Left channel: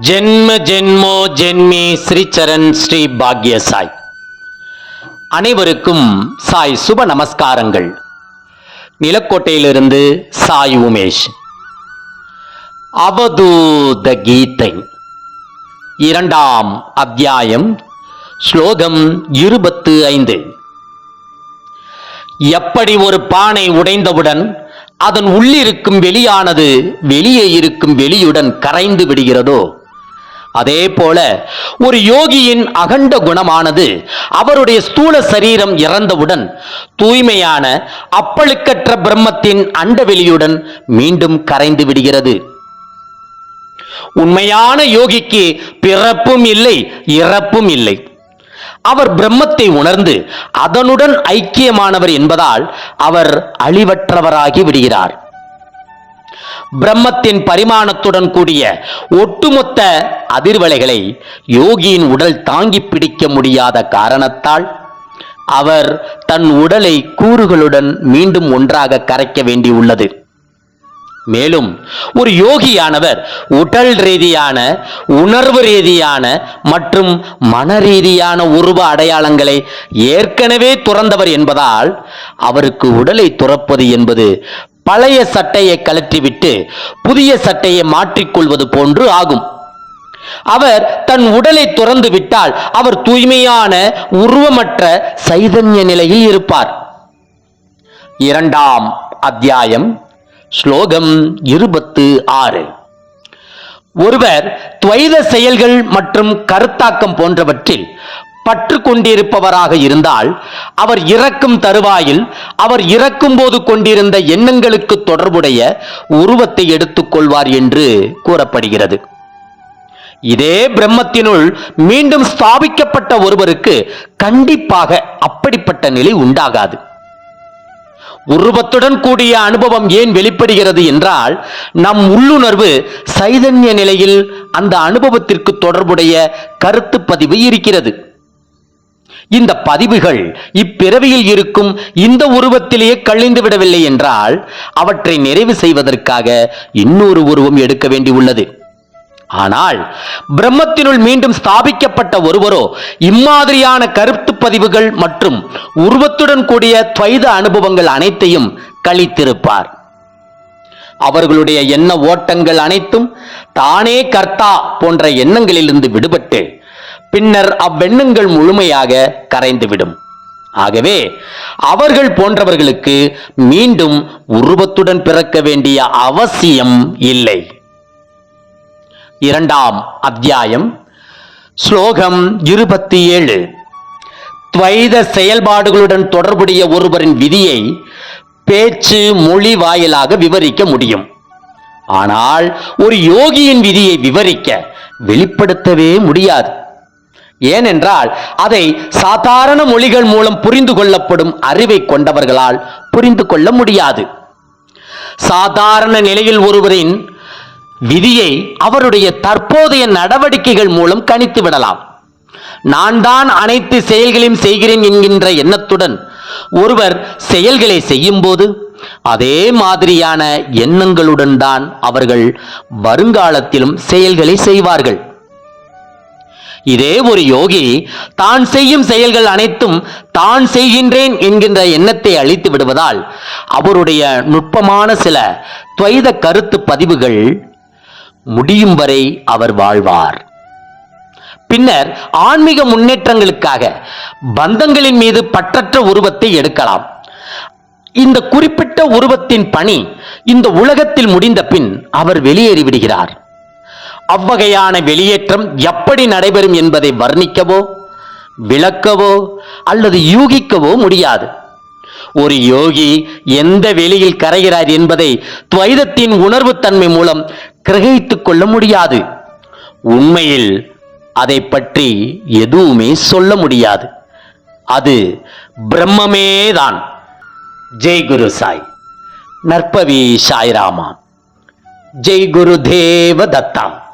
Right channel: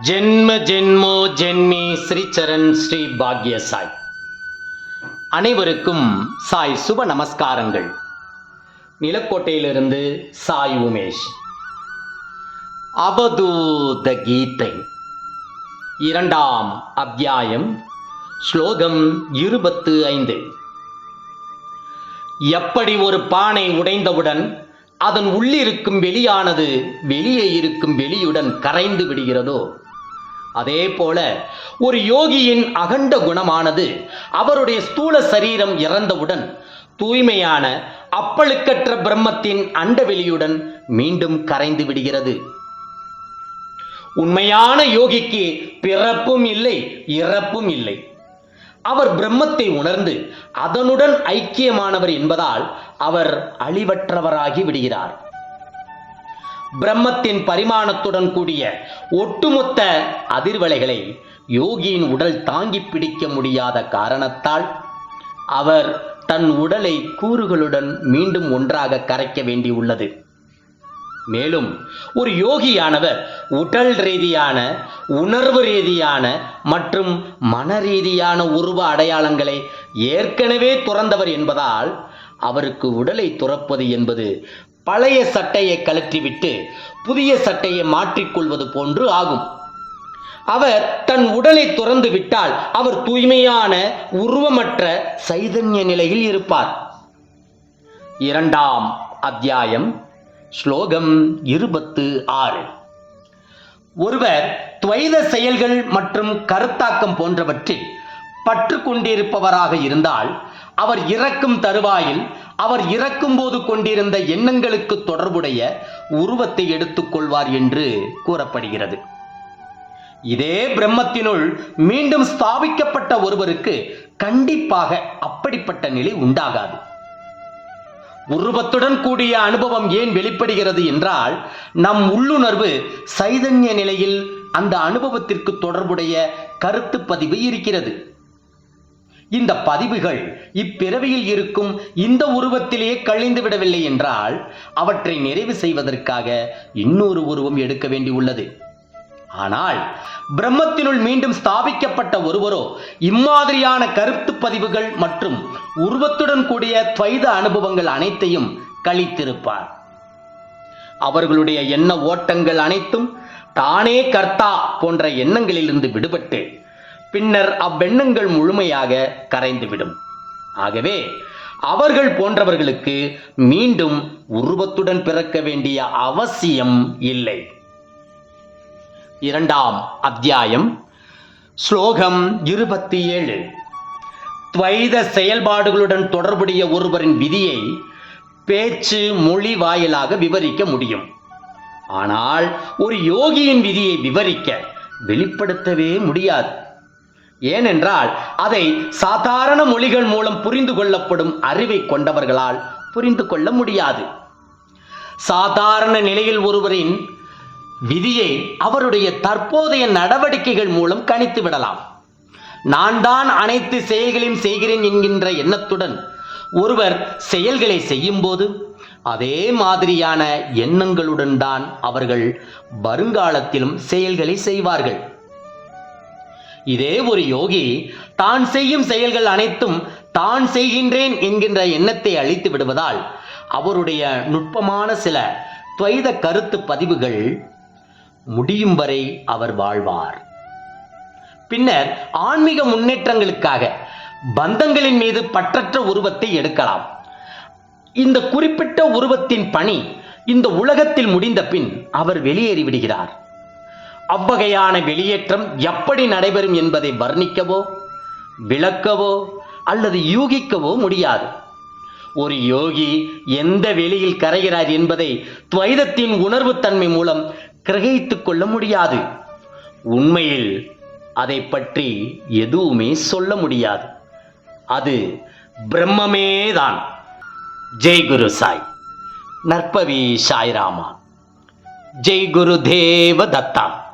ஜென்ம ஜென்மோ ஜென்மே ஸ்ரீச்சரண் ஸ்ரீ பாக்ய சாய் அனைவருக்கும் சாய் சுப நமஸ்காரங்கள். நிலக்கோட்டையிலிருந்து சாய் உமேஷ். அவதூத கீதை. இரண்டாம் அத்தியாயம் ஸ்லோகம் இருபத்து ஐந்து. எப்படி ஒரு பானை உடைந்தவுடன் அதன் உள்ளிருக்கும் வெளியானது வெளியே இருக்கும் வெளியுடன் கரைந்து விடுகிறதோ அதே போல ஒரு யோகியின் அகண்ட குணமானது அவருடைய ஸ்தூல சரீரம் இறந்தவுடன் தூய்மையான அப்பழுக்கற்ற பிரம்மத்தின் அண்டவெளியுடன் மீண்டும் கரைந்து விடுகிறது. உண்மையான யோகிக்கு பிறப்பும் இல்லை இறப்பும் இல்லை. அவர் பிரம்மத்தை உணர்ந்து அதனுடன் ஐக்கியமானவர் என்பதால் அவர் அழிவற்றவராகி விடுகிறார். பிரம்மத்தின் பரிமாணத்துடன் கூடிய ஒட்டுமொத்த அதிர்வலைகளை யோகியின் உடல் தாங்கி பிடிக்க முடியாத காரணத்தால் அவர் தன் உடலை கூறுகளுடன் மீண்டும் ஒன்றாக கரைக்க வேண்டியுள்ளது. மேலும் ஒரு யோகியானவர் உடல் ரீதியான உணர்வு ரீதியான மற்றும் மன ரீதியான உருவ அடையாளங்களை ஏற்கனவே துறந்தவர் என்பதால் அவருக்கு உடலை துறப்பது என்பது பழைய சட்டையை கழற்றிவிட்டு புதிய சட்டையை மாற்றிக்கொள்வது போன்று ஆகும். அவர் தன் உடலை துறந்து விட்டால் அவர் தூய்மையான உருவமற்ற சைதன்ய நிலையில் இருப்பார். இரண்டாம் அத்தியாயம் ஸ்லோகம் இருபத்து ஆறு. ஒருவர் துவைத செயல்கள் மற்றும் கருத்தாக்கம் போன்றவற்றில் பற்று கொண்டிருப்பவராக இருந்தால் அவர் இறக்கும் தருவாயில் அவர் இறக்கும் போது கொண்டிருந்த எண்ணங்களுக்கு தொடர்புடைய உருவத்தை எடுத்துக்கொள்வார் என்று கூறப்படுகிறது. இதே பிரம்மத்தினுள் மீண்டும் ஸ்தாபிக்கப்பட்ட ஒருவருக்கு கண்டிப்பாக அப்படிப்பட்ட நிலை உண்டாகாது. உருவத்துடன் கூடிய அனுபவம் ஏன் வெளிப்படுகிறது என்றால் நம் உள்ளுணர்வு சைதன்ய நிலையில் அந்த அனுபவத்திற்கு தொடர்புடைய கருத்து பதிவு இருக்கிறது. இந்த பதிவுகள் இப்பிறவியில் இருக்கும் இந்த உருவத்திலேயே கழிந்து விடவில்லை என்றால் அவற்றை நிறைவு செய்வதற்காக இன்னொரு உருவம் எடுக்க வேண்டியுள்ளது ஆனால் பிரம்மத்தினுள் மீண்டும் ஸ்தாபிக்கப்பட்ட ஒருவரோ இம்மாதிரியான கருத்து பதிவுகள் மற்றும் உருவத்துடன் கூடிய துவைத அனுபவங்கள் அனைத்தையும் கழித்திருப்பார். அவர்களுடைய எண்ண ஓட்டங்கள் அனைத்தும் தானே கர்த்தா போன்ற எண்ணங்களிலிருந்து விடுபட்டு பின்னர் அவ்வெண்ணங்கள் முழுமையாக கரைந்துவிடும். ஆகவே அவர்கள் போன்றவர்களுக்கு மீண்டும் உருவத்துடன் பிறக்க வேண்டிய அவசியம் இல்லை. இரண்டாம் அத்தியாயம் ஸ்லோகம் இருபத்தி ஏழு துவைத செயல்பாடுகளுடன் தொடர்புடைய ஒருவரின் விதியை பேச்சு மொழி வாயிலாக விவரிக்க முடியும். ஆனால் ஒரு யோகியின் விதியை விவரிக்க வெளிப்படுத்தவே முடியாது. ஏனென்றால் அதை சாதாரண மொழிகள் மூலம் புரிந்து கொள்ளப்படும் அறிவை கொண்டவர்களால் புரிந்து கொள்ள முடியாது. சாதாரண நிலையில் ஒருவரின் விதியை அவருடைய தற்போதைய நடவடிக்கைகள் மூலம் கணித்து விடலாம். நான் தான் அனைத்து செயல்களையும் செய்கிறேன் என்கின்ற எண்ணத்துடன் ஒருவர் செயல்களை செய்யும்போது அதே மாதிரியான எண்ணங்களுடன் தான் அவர்கள் வருங்காலத்திலும் செயல்களை செய்வார்கள். இதே ஒரு யோகி தான் செய்யும் செயல்கள் அனைத்தும் தான் செய்கின்றேன் என்கின்ற எண்ணத்தை அழித்து விடுவதால் அவருடைய நுட்பமான சில துவைத கருத்து பதிவுகள் முடியும் வரை அவர் வாழ்வார். பின்னர் ஆன்மீக முன்னேற்றங்களுக்காக பந்தங்களின் மீது பற்றற்ற உருவத்தை எடுக்கலாம். இந்த குறிப்பிட்ட உருவத்தின் பணி இந்த உலகத்தில் முடிந்த பின் அவர் வெளியேறிவிடுகிறார். அவ்வகையான வெளியேற்றம் எப்படி நடைபெறும் என்பதை வர்ணிக்கவோ விளக்கவோ அல்லது யூகிக்கவோ முடியாது. ஒரு யோகி எந்த வெளியில் கரைகிறார் என்பதை துவைதத்தின் உணர்வுத்தன்மை மூலம் கிரகித்துக் கொள்ள முடியாது. உண்மையில் அதை பற்றி எதுவுமே சொல்ல முடியாது. அது பிரம்மமேதான். ஜெய் குரு சாய். நற்பவி சாய்ராமா. ஜெய் குரு தேவ தத்தா.